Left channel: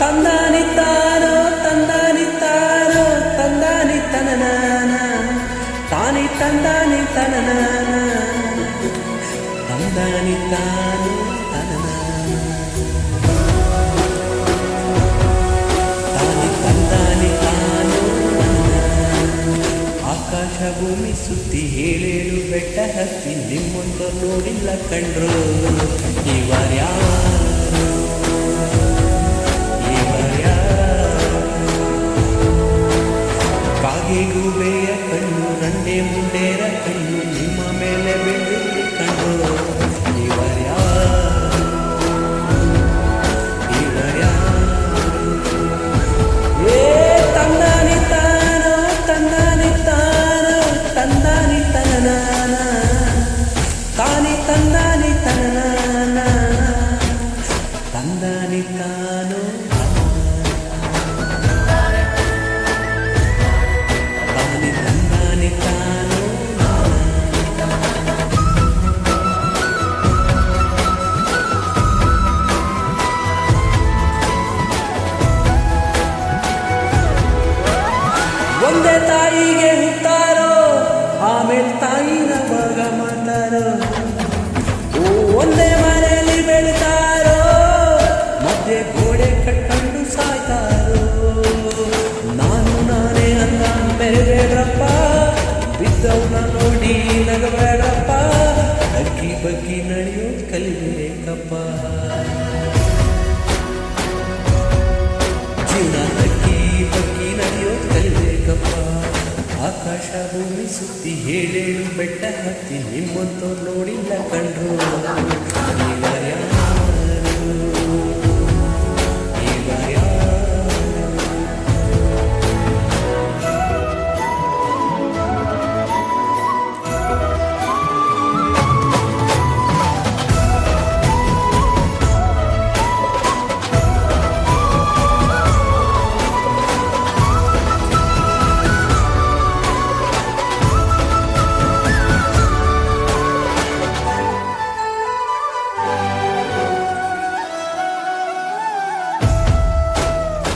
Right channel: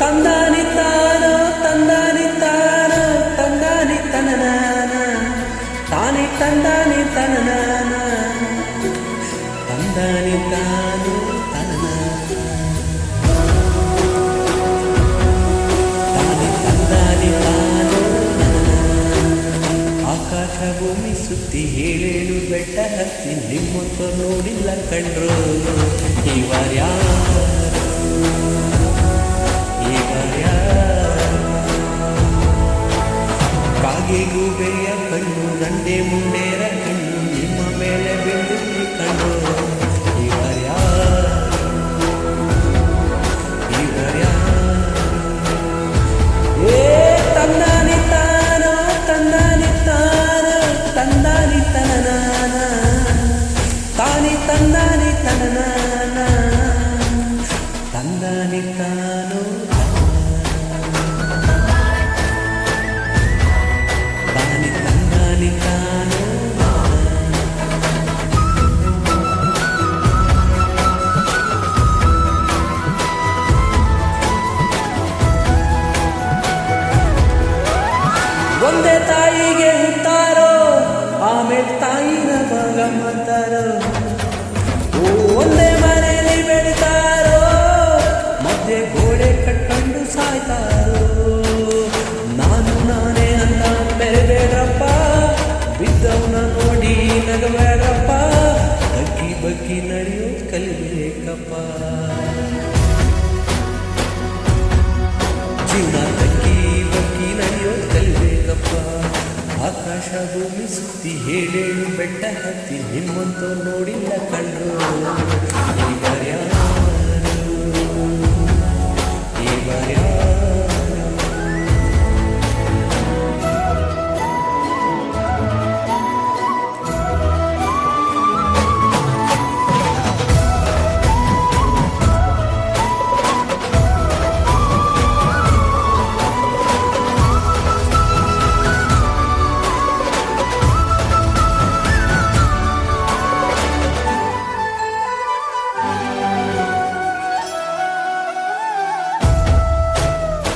ತಂದಾನಿ ತಾನೋ ತಂದಾನಿ ತಾನೋ, ತಂದಾನಿ ತನನಾನ ತಾನಿ ತಂದಾನಿ ತನನಾನ ತಂದಾನಿ ತಾನು ತನನಾನ ತಾನಿ ತಂದಾನಿ ತಾನೋ ಆಕಾಶ ಭೂಮಿ ಸುತ್ತಿ ಹೇಳೇಳು ಬೆಟ್ಟ ಹತ್ತಿ ನಿಮ್ಮಂತ ನೋಡಿಲ್ಲ ಕಂಡ್ರು ಇವರ್ಯಾರು ಕಾಗೆ ಗೂಬೆಯ ಕಣ್ಣು ರಂಡೆ ಮುಂಡೇರ ಕಣ್ಣು, ನಿಮ್ಮ ಮೇಲೆ ಬೆಂದಿರ್ಲಿ ಕಂಡ್ರು ಇವರ್ಯಾರು ಇವರ್ಯಾರು ಏ, ತಂದಾನಿ ತಾನೋ ತಂದಾನಿ ತಾನೋ, ತಂದಾನಿ ತನನಾನ ತಾನಿ ತಂದಾನಿ ತನನಾನ ತಂದಾನಿ ತಾನೋ ತಾನಿ ಒಂದೇ ತಾಯಿಗೆ ಹುಟ್ಟಾರೋ, ಆಮೇಲೆ ತಾಯಿನ ಭಾಗ ಮಾಡ್ತಾರೋ? ಒಂದೇ ಮನೆಯಲ್ಲಿ ಬೆಳಿತಾರೋ, ಮಧ್ಯೆ ಗೋಡೆ ಕಟ್ಕೊಂಡು ಸಾಯ್ತಾರೋ? ನಾನು ನಾನೇ ಅಂತ ಮೆರಬೇಡ್ರಪ್ಪ ಬಿದ್ದವನ್ನ ನೋಡಿ ನಗಬೇಡಪ್ಪ ತಗ್ಗಿ ಬಗ್ಗಿ ನಡೆಯೋದು ಕಲಿಬೇಕಪ್ಪ. ಜೀವನ ತಗ್ಗಿ ಬಗ್ಗಿ ನಡೆಯೋದು ಕಲಿಬೇಕಪ್ಪ. ಆಕಾಶ ಭೂಮಿ ಸುತ್ತಿ ಹೇಳೇಳು ಬೆಟ್ಟ ಹತ್ತಿ ನಿಮ್ಮಂತೋ ನೋಡಿಲ್ಲ ಕಂಡ್ರು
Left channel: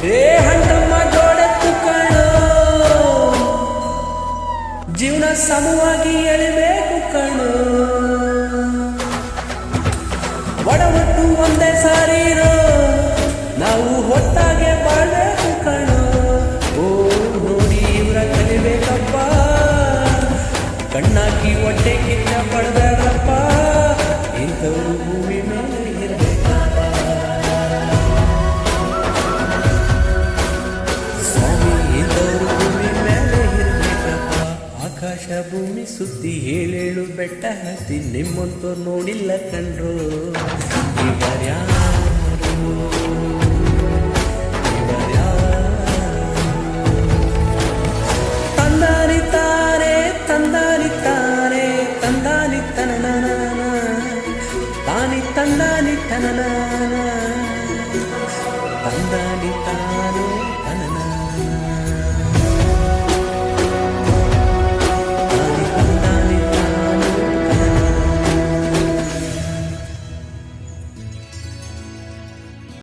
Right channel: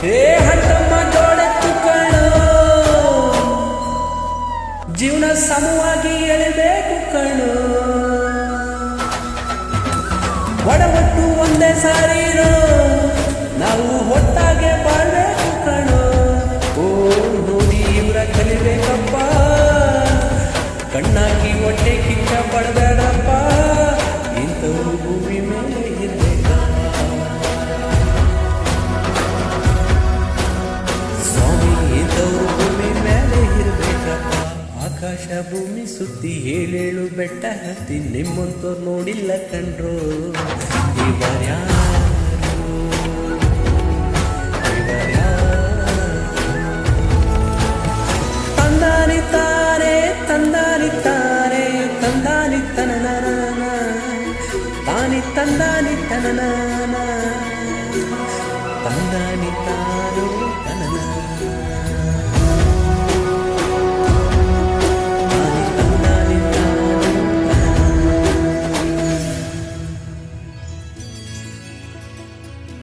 ಏ ಹಂಟಮ್ಮ ಜೋಡೆತ್ತು ಕಣು. ಜೀವನ ಸಮವಾಗಿ ಎಳಿಬೇಕು ಕಣೋ. ಒಡವಟ್ಟು ಒಂದೇ ಸಾರಿರೋ ನಾವು ಹೊತ್ತಾಗೆ ಬಾಳ್ಬೇಕು ಕಣು. ಓ, ನೋಡಿ ಇವರ ಕಲಿಬೇಕಪ್ಪ. ಕಣ್ಣಾಕಿ ಹೊಟ್ಟೆ ಕಿಚ್ಚ ಪಡಬೇಡ್ರಪ್ಪ. ಇಂಥವ್ರು ಭೂಮಿ ಮೇಲೆ ಇರ್ಬೇಕಪ್ಪ. ಇಂಥವ್ರು ಭೂಮಿ ಮೇಲೆ ಇರ್ಬೇಕಪ್ಪ. ಆಕಾಶ ಭೂಮಿ ಸುತ್ತಿ ಹೇಳೇಳು ಬೆಟ್ಟ ಹತ್ತಿ ನಿಮ್ಮಂತವ್ರು ನೋಡಿಲ್ಲ ಕಂಡ್ರು ಇವರ್ಯಾರು ತಾರೆ ತಂದಾನಿ ತಾರೆ ತಂದಾನಿ ತಂದಾನಿತ್ತನ ತಂದಾನಿ ತನನನ ತಾನಿ ತಂದಾನಿ ತನನನ ತಂದಾನಿ ತಾನು ತನನ